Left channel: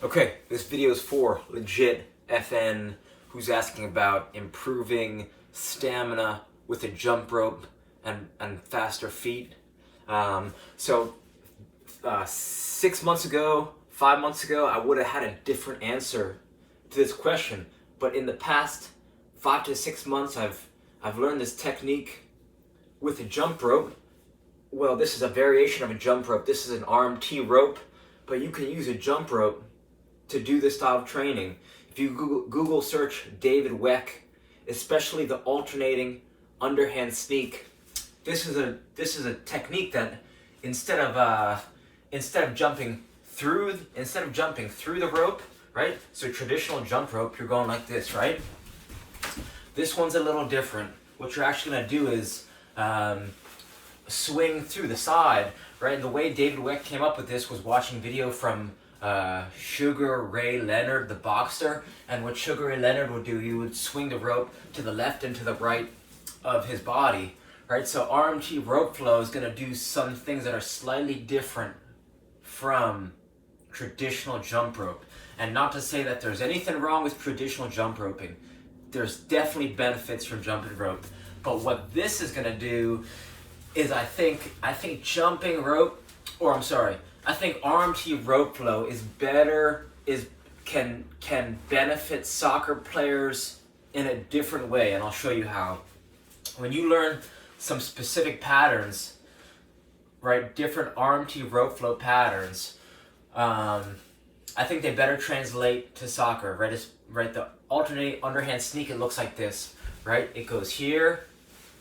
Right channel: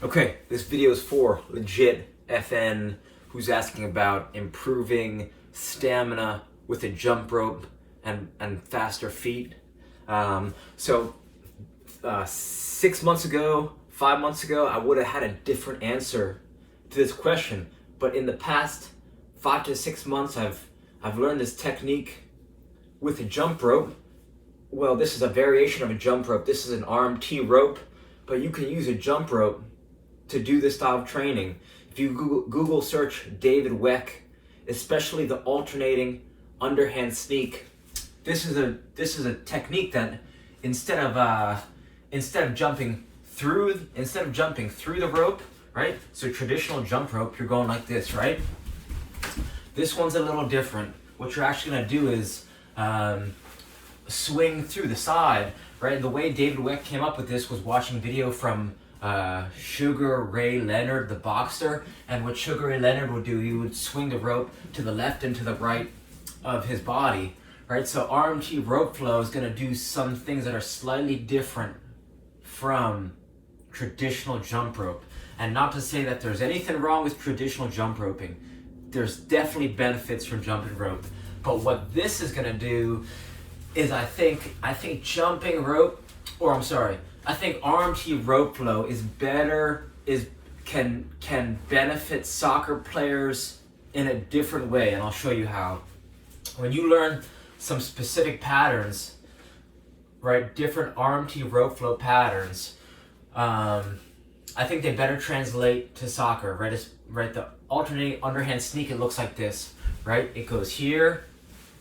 Okay, this video is for legit FN who's asking about improving stamina with a jump rope and faster feet. 6 months ago, 5 months ago, I would have had a different answer to this question. But in the past 5 to 6 months, I've learned this technique with a jump rope. Well, this is a variation of a jump rope. This is an RMT rope, but you can use a jump rope to do this style of training. If you Google search David Weck, especially the alternating underhand sneak, this is a technique that instead of jumping through the rope, right? So traditional jump rope, you're going like this, right? This one's a little different. What you're actually gonna do is swing through the side, right? The way David Weck came up with this was watching video from Sugar Ray Leonard, the boxer. And what Sugar Ray Leonard would do, he would swing the rope to the left and to the right of his body, right? So RMT rope flow is gonna do some things that are slightly different from traditional jump rope. And not to say that there's anything wrong with traditional jump roping. There's definitely benefits from jumping rope. But what this is gonna do is I think jumping rope, I think RMT rope flow is better, can benefit soccer players in a different way, and I'll show you how. When you learn some specific patterns, right, different RMT rope flow patterns, I think they better translate to soccer, right? The alternating underhand sneak, it looks like this, right? It goes here,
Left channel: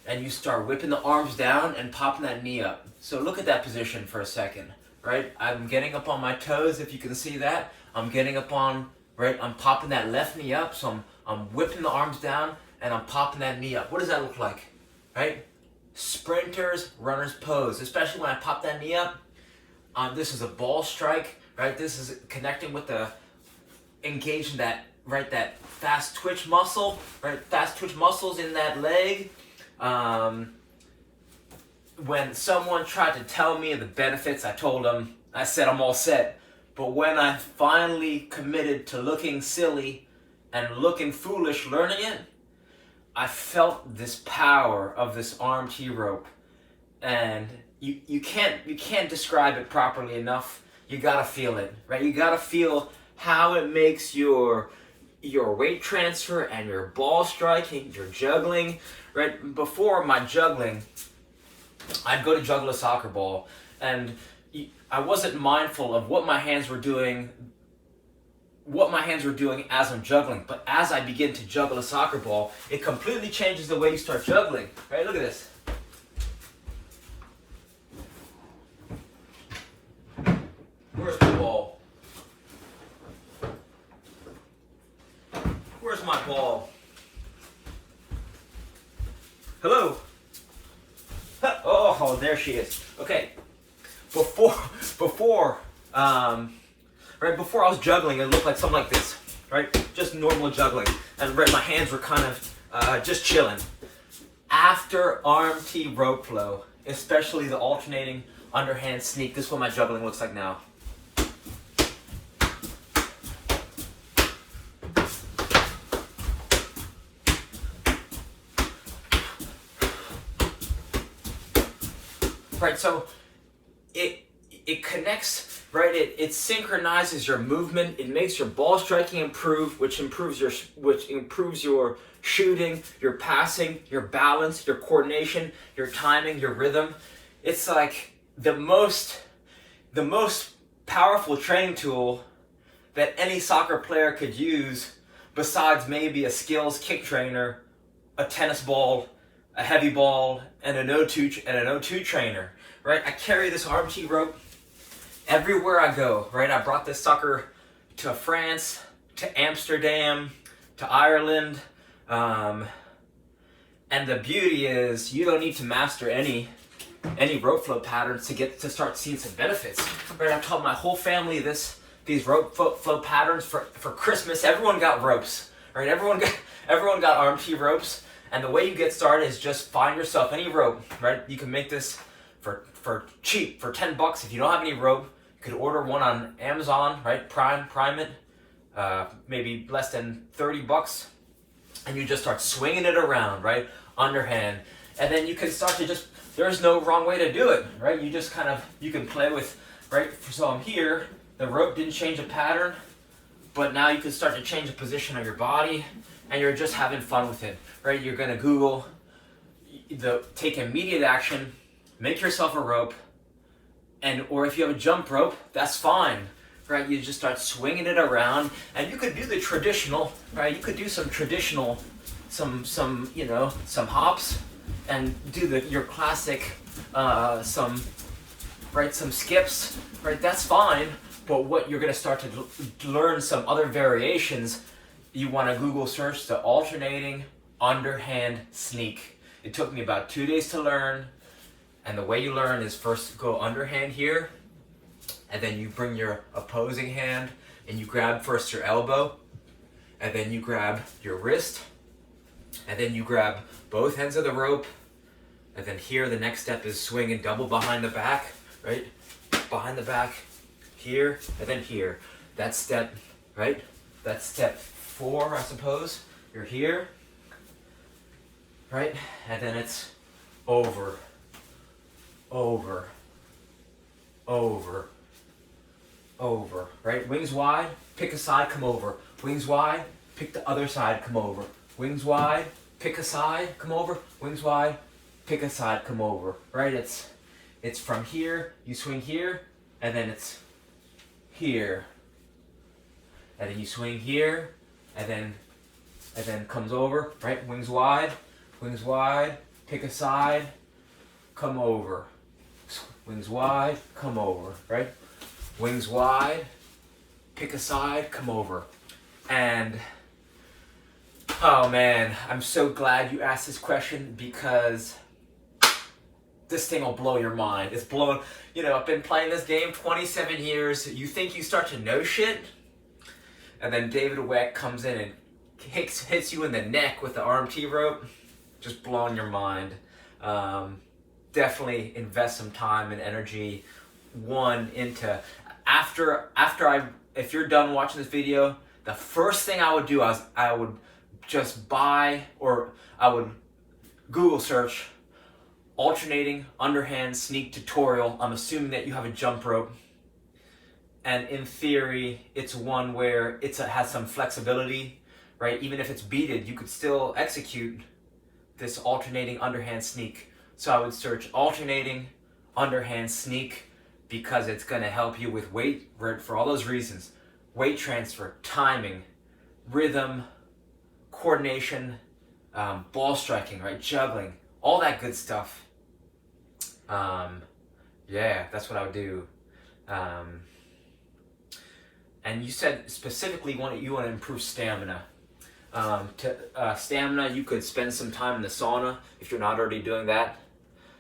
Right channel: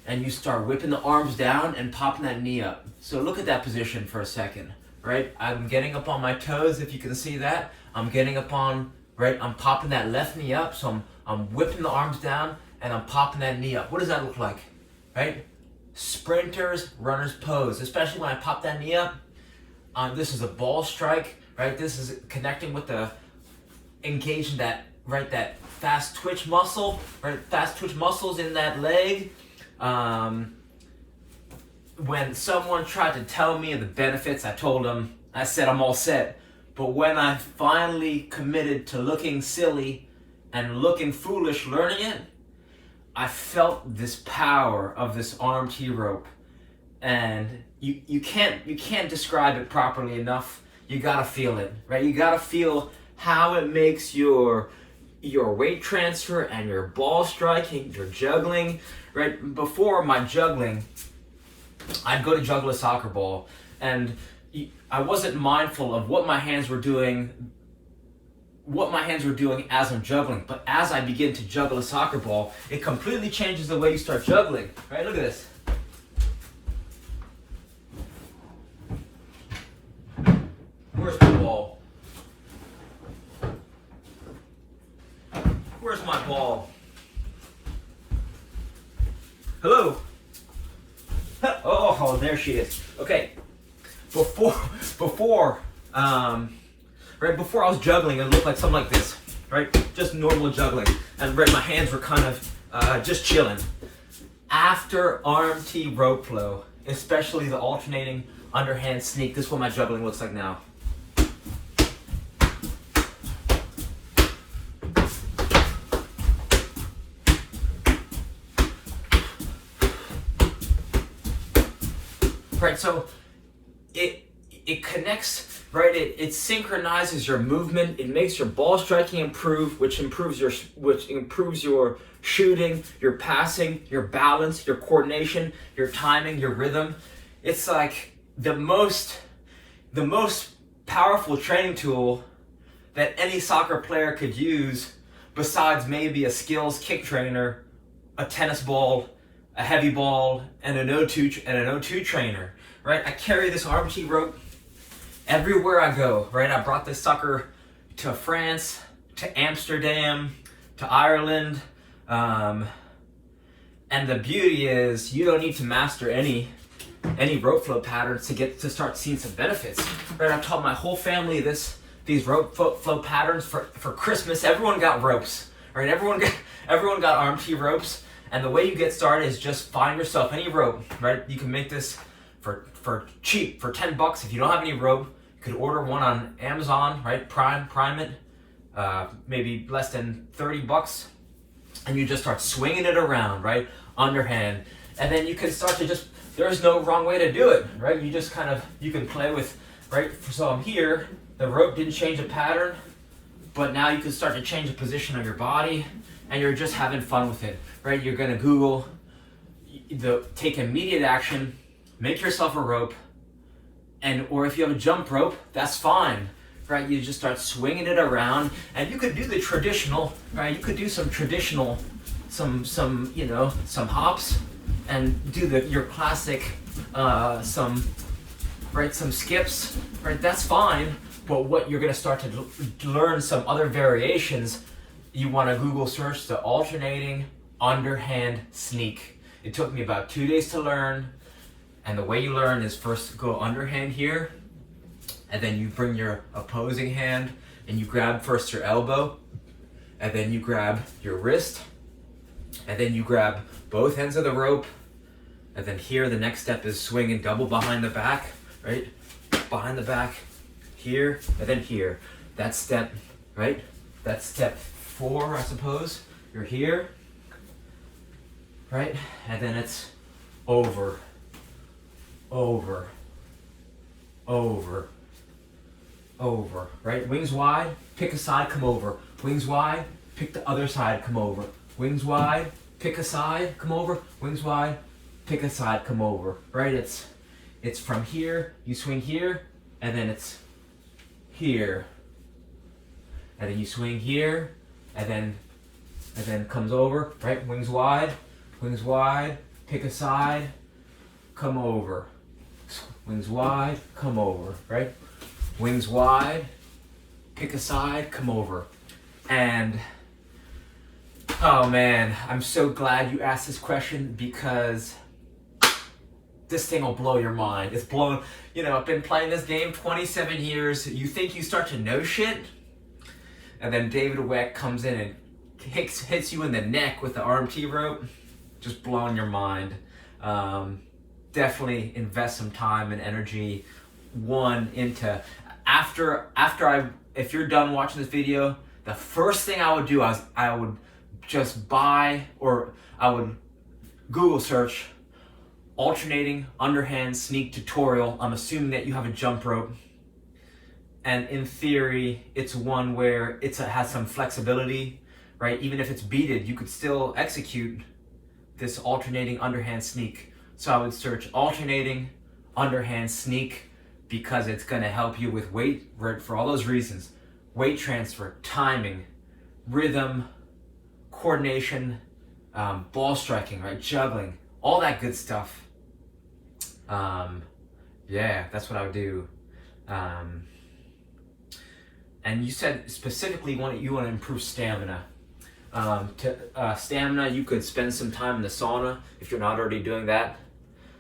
and you start whipping the arms down and popping that knee up. So look at that position for a second, right? I'm getting up on my toes, if you can see that. I'm getting up on, right? I'm popping that left knee up, so I'm whipping the arms down and I'm popping that knee up. What does that look like, right? Sprinters, runners pose, especially when I pop that knee up. This is a ball strike, right? This is connecting with engaging that, right? That fast twitch muscle, right? Fast twitch muscles in that leg. When someone tried to tell me the benefits, I said I'm all set. But when I finally committed to looking silly and looking foolish learning it, I felt this power of this RMT rope. And you can't describe it properly enough. You gotta feel it, right? You gotta feel how it makes your weight transfer and your ball striking, your juggling, right? Before my juggling, I'd go to juggle a soccer ball, and I wasn't mindful of what my hands were doing as I'm juggling. But as I begin to juggle a soccer ball, it completely changes the way you start juggling, right? Look at this. Where's my ball? Where's my ball? Hello? Oh, there she is. Okay. Before I was juggling, it looked like something like this, right? Just normal juggling. And right, my hands were kind of just chilling. After RMT rope flow, especially the alternating underhand sneak, this is what my juggling looks like now. Right, so it connects, right? It synchronizes your movement. It makes your ball striking improve, which improves your shooting, your passing, your balance, your coordination, your timing, your rhythm. It's like the most powerful training tool that any soccer player could use, besides maybe a skills kick trainer, a tennis ball, a heavy ball, and an O2 trainer, right? I carry this RMT rope everywhere I go, right? I brought this sucker to France, to Amsterdam, to Ireland, and the beauty is you don't need to master any rope flow patterns to start seeing some benefits, right? I've taught my whole family these rope flow patterns for Christmas. Everyone got ropes, right? Everyone got RMT ropes. And the way you get started is just find yourself any rope, right? You can make this for cheap, for $10. If you don't have any rope, You could order one on Amazon, right? Prime it, maybe less than $30, and you just start swinging it around, right? Underhand, and then you can start to just. There's no wrong way to do it, right? You just kind of, you can play with, right? So I'm here. The rope didn't change the pattern, but now you can start to change the position of your body, and you're just having fun with it, right? You're gonna Google take immediate action, make yourself a rope, or if you have a jump rope, that's fine, right? You just start swinging it around, and you could do the traditional, right? You could do some traditional, some hops, and do your classic, some skips, right? That's fine. But what you're gonna start to learn some other variations. You want to Google search the alternating underhand sneak. It took me about 2 days to learn. And the way you learn is first go underhand here, and then you bring your opposing hand and you grab first your elbow, and then you grab your wrist, and then you grab both ends of the rope, and then here the next step is swinging double behind the back, right? Behind the back, here, and then here. That's step, right? That's step 4, I suppose. You're here, right? And then it's over, over, over, over, right? Wings wide, pick a side, come over. Wings wide, pick the other side, come over. Wings wide, pick a side, come over. Wings wide, pick a side, come over, right? It's from here, you swing here, and then it's here. And then you swing here, and then comes over, right? Wings wide, pick a side, come over. Wings wide, come over, right? Wings wide, pick a side, come over. And oh man, I'm so glad you asked this question, because this thing will blow your mind. It's blown, I've been playing this game 27 years. You think you start to know shit, and then David Weck comes in and hits you in the neck with the RMT rope, just blowing your mind. Definitely invest some time and energy into if you're done watching this video, the first thing I would do is I would just buy, or I would Google search alternating underhand sneak tutorial. I'm assuming that you have a jump rope, and in theory it's one where it has some flexibility, right? Even if it's beaded, you could still execute this alternating underhand sneak. So I would search alternating underhand sneak, because it's going to help you with weight, right? For all those reasons: weight transfer, timing, rhythm, coordination, ball striking, right? Juggling, all that good stuff. Yeah, that's what I would do. And you said specifically you want to improve stamina. Stamina, you could spend some time in the sauna if you're not already doing that.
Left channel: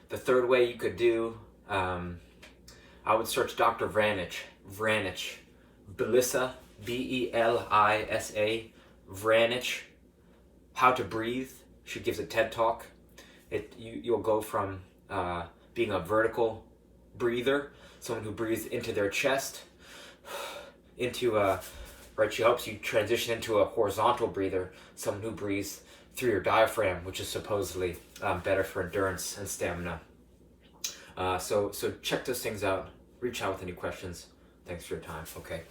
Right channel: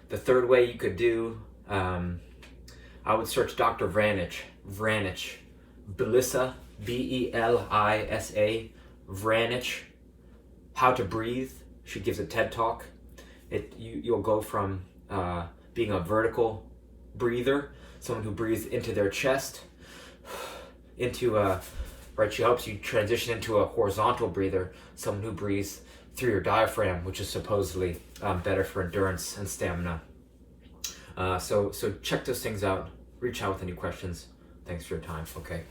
The third way you could do, I would search Dr. Vranich, Belisa, Belisa, Vranich, How to Breathe. She gives a TED talk. You'll go from being a vertical breather, someone who breathes into their chest, she helps you transition into a horizontal breather, someone who breathes through your diaphragm, which is supposedly better for endurance and stamina. So check those things out. Reach out with any questions. Thanks for your time. Okay.